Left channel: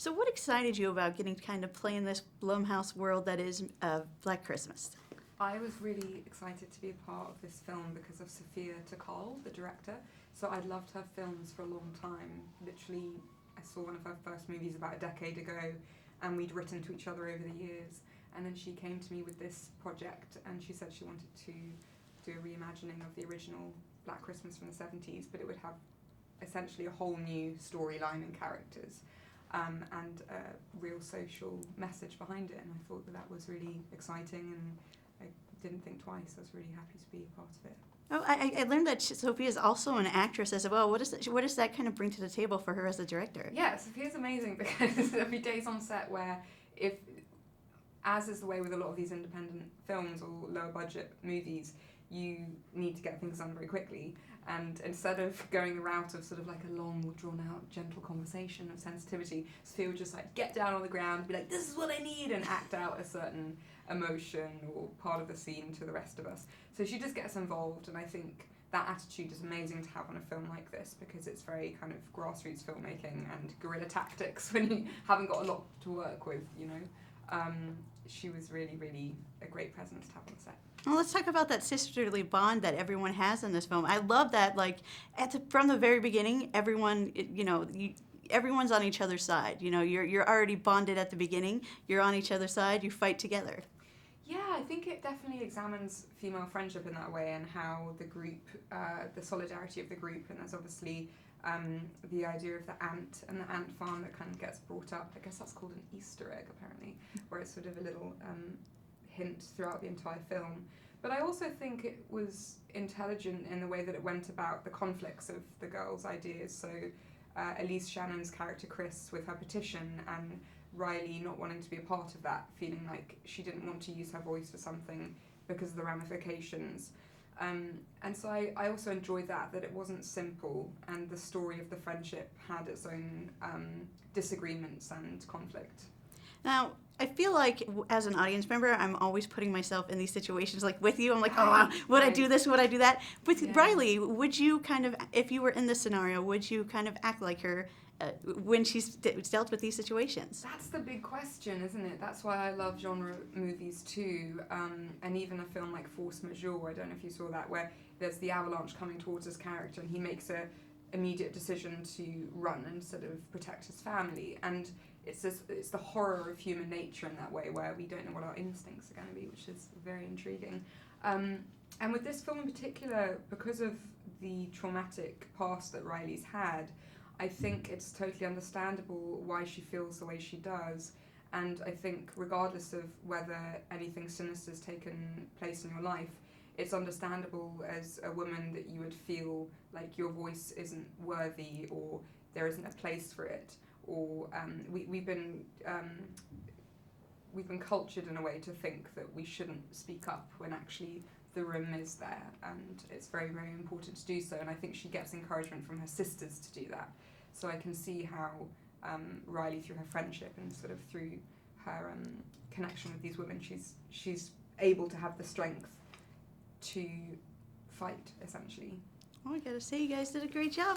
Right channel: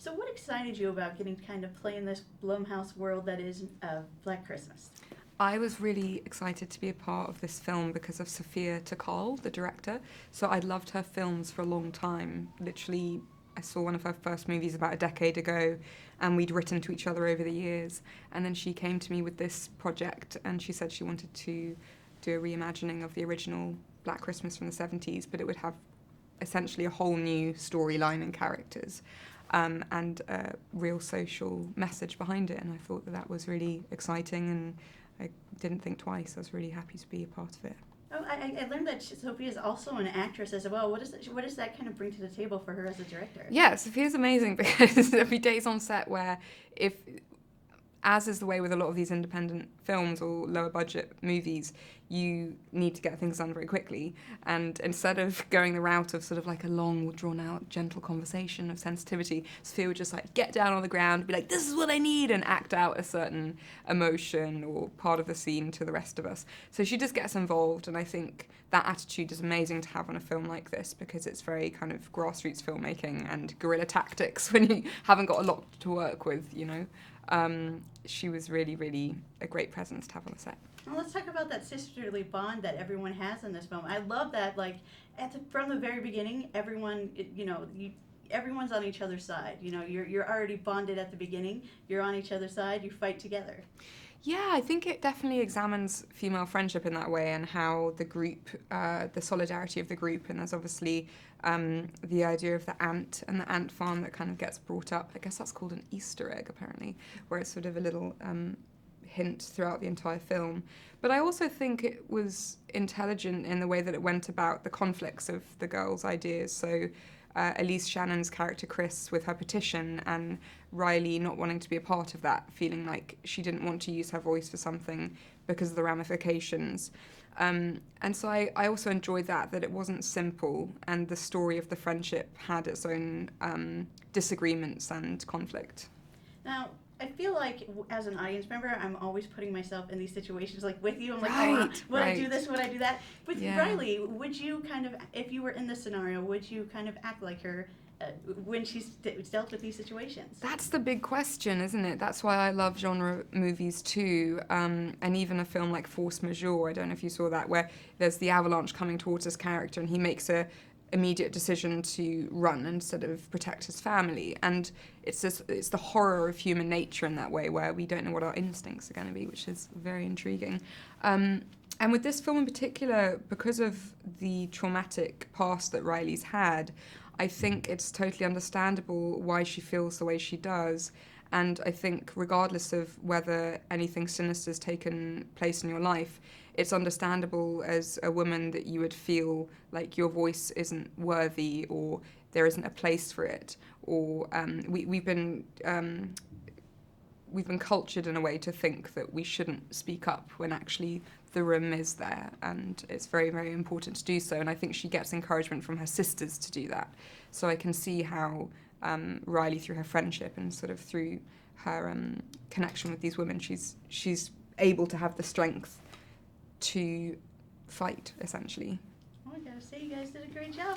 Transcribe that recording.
So what excited you about getting to kind of play in this Blumhouse world that is Black Christmas? I was really excited to be a part of this film because of Sophia Takal, the director. So I'd loved her films for a long time. Literally, I saw one of her first movies about a decade ago, and we'd written to each other over the years. And then she came to me with this project, and she said she wanted to do a reimagining of the original Black Christmas from the 70s, but it would have essentially a whole new storyline and characters. And a real social message behind it, and I thought that was really exciting, and I didn't think twice. I was really happy to be a part of it. Oh, I learned that Sophia is also an actress as well. What does that kind of bring to the table for her as a director? Yeah, Sophia's amazing because there'll be days on set where as is the way with a lot of these independent films or lower budget movies, you need to get things done very quickly. And instead of going the route of sort of like a long, drawn out, gentle conversation of sensitivity, Sophia would just like get down on the ground, be like, this is what I need, and act out a certain emotion or part of the scene to the rest of us. So she just gets involved, and I think that attitude is amazing to have on a film like this because it's very kind of grassroots filmmaking and guerrilla tactics when you haven't got a lot to work with, you know. She was really, really a great presence to have on the set. Well, let's talk about that sisterly bond that everyone has in this film. I love that, like, from the very beginning, everyone, everyone's on each other's side. You know, you're already bonded at the beginning. You're on each other's side. You fight together. Yeah, I think it definitely examines female friendship in that way and how the group, the solidarity of the group, and there's obviously the idea of the ant and the ant farm that kind of gets brought up. I guess that's called an Easter egg, apparently, where it's sort of a little hint throughout the entire film. But I also think it was intelligent in the way that it went about the conflicts of the girls' ideas. So Elise Shannon's character Chris with her petition, and Riley not wanting to be a part of that, feeling like she didn't want to use her voice for something because of the ramifications. And so I also enjoyed that it wasn't simple, and the story of the friendship had its own disagreements and conflict. Now, I feel like as an audience member, I'm always putting myself in these situations, like with you. I'm like, Right, would I right. do this? Would I do that? With Yeah. Riley, would you kind of, if you were in this scenario, would you kind of act like her when she's dealt with these situations? That's the big question, isn't it? That's why I love genre movies too, and even a film like Force Majeure, I don't know if you saw that, where there's the avalanche coming towards his character and he makes a immediate decision to run instead of protect his family, and it's the horror of human nature in that way, where we don't know what our instincts are going to be, which is very intriguing. And with this film in particular, because of the traumatic past that Riley's had, I think it's totally understandable why she feels the way she does. And I think regardless of whether anything sinister has taken place in your life, it's understandable as a woman that you would feel like your voice isn't worthy, or there isn't a place for it, or we've been cultured in a way to think that we shouldn't speak up when actually the room is there, and it's very, very important to do so. And I think she gets encouragement from her sisters to do that. So I can see how Riley, through her friendship and sort of through her connection with these women, she's able to have the strength to fight, essentially. Oh, I gotta say, you guys did a great job.